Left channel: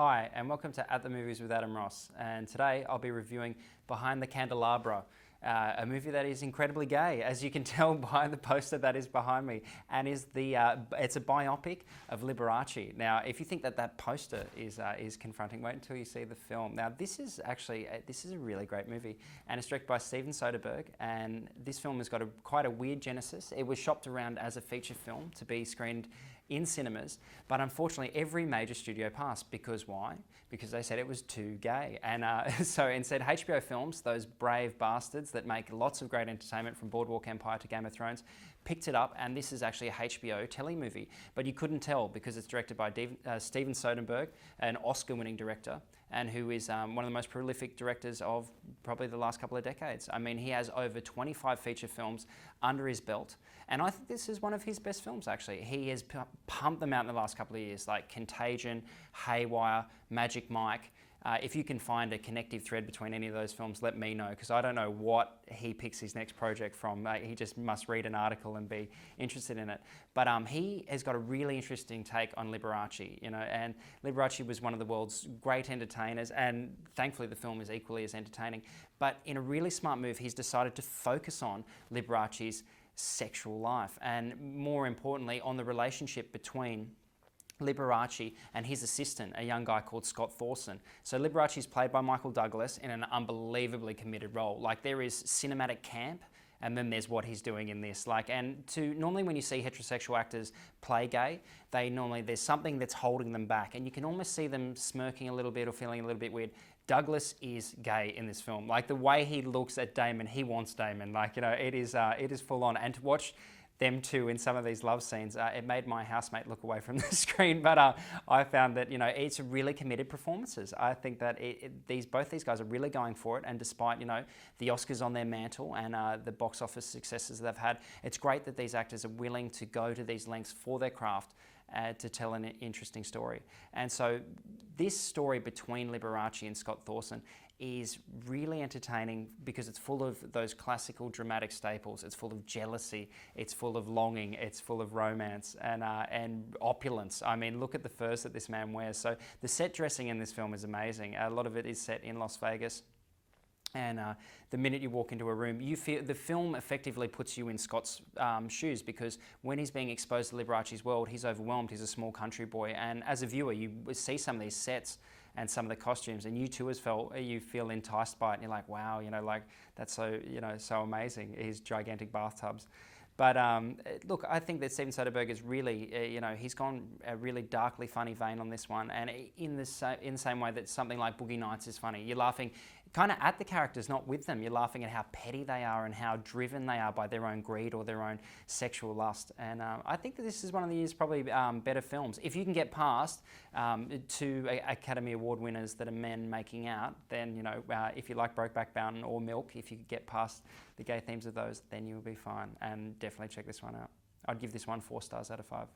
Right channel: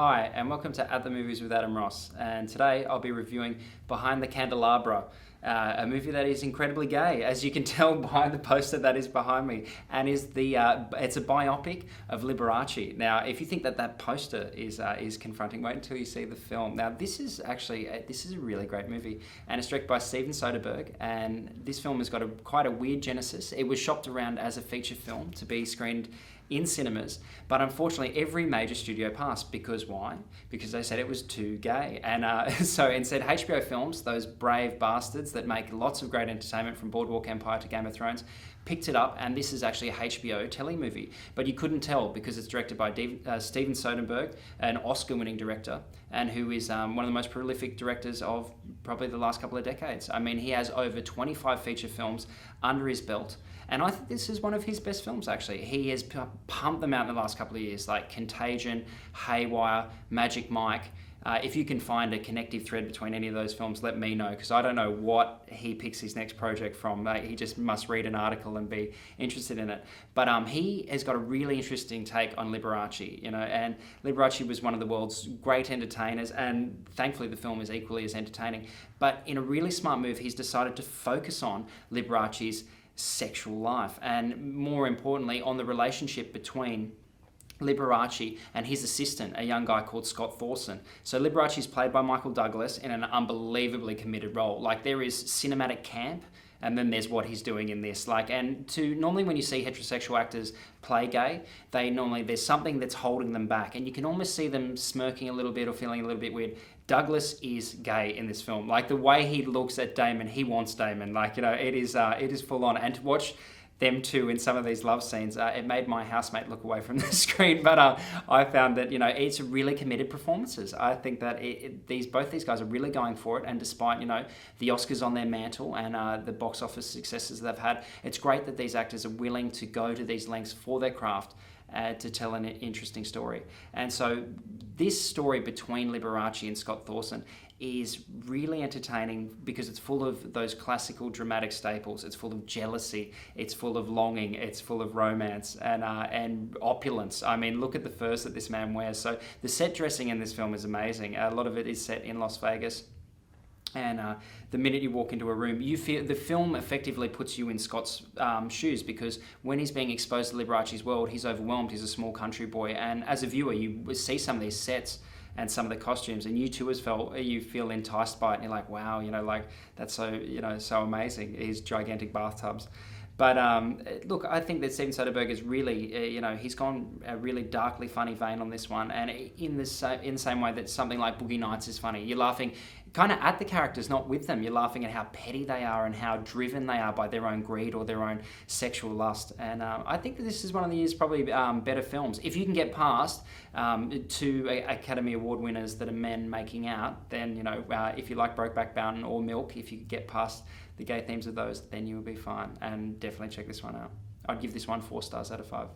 Hi, and welcome to At the Movies with Adam Ross. And today I'll be reviewing Behind the Candelabra, a movie that is incredibly gay, as you can tell by the poster that is behind me. And it's a biopic of Liberace. Now, if you think that poster is confronting, wait until you see the film. Now, this is a really great movie, and it's directed by Steven Soderbergh. And this film has got quite a weird genesis. It was shopped around as a feature film to be screened in cinemas, but unfortunately every major studio passed. Because why? Because they said it was too gay. And so instead HBO Films, those brave bastards that make lots of great entertainment from Boardwalk Empire to Game of Thrones, picked it up, and this is actually a HBO telemovie. But you couldn't tell because it's directed by Steven Soderbergh, an Oscar-winning director, and who is one of the most prolific directors of probably the last couple of decades. I mean, he has over 25 feature films under his belt, and I think this is one of his best films, actually. He has pumped them out in the last couple of years, like Contagion, Haywire, Magic Mike. If you can find a connective thread between any of those films, let me know, because I don't know what he picks his next project from. He just must read an article and be interested in it. But he has got a really interesting take on Liberace, and Liberace was one of the world's great entertainers, and thankfully the film is equally as entertaining. But in a really smart move, he's decided to focus on Liberace's sexual life, and more importantly, on the relationship between Liberace and his assistant, a young guy called Scott Thorson. So Liberace is played by Michael Douglas in an unbelievably committed role. Like, there is cinematic camp, and then there's what he's doing in this. Normally when you see heterosexual actors play gay, there's something that's holding them back, and you can almost see them smirking a little bit or feeling a little bit weird. Douglas is gay in this film. Like, the way he looks at Damon, he wants Damon. It is full on. And to watch them two in some of these love scenes, it made my housemate look away from the screen. But I found that it's really committed performances. I think that both these guys are really going for it, and despite the Oscars on their mantle and the box office successes they've had, it's great that these actors are willing to go to these lengths for their craft to tell an interesting story. And so this story between Liberace and Scott Thorson is really entertaining because it's full of those classical dramatic staples. It's full of jealousy, it's full of longing, it's full of romance and opulence. I mean, look at the furs that this man wears. So the set dressing in this film is amazing. A lot of it is set in Las Vegas. And the minute you walk into a room, you feel the film effectively puts you in Scott's shoes, because when he's being exposed to Liberace's world, he's overwhelmed. He's a small country boy, and as a viewer, you see some of these sets and some of the costumes, and you too you feel enticed by it, and you're like, wow, that's so so amazing. These gigantic bathtubs. But look, I think that Steven Soderbergh is really, he's gone a really darkly funny vein on this one, and in the same way that something like Boogie Nights is funny. You're laughing kind of at the characters, not with them. You're laughing at how petty they are and how driven they are by their own greed or their own sexual lust. And I think that this is one of the year's probably better films. If you can get past two Academy Award winners that are men making out, then, if you like Brokeback Mountain or Milk, if you could get past the gay themes of those, then you'll be fine. And definitely check this one out. I'd give this one 4 stars out of 5.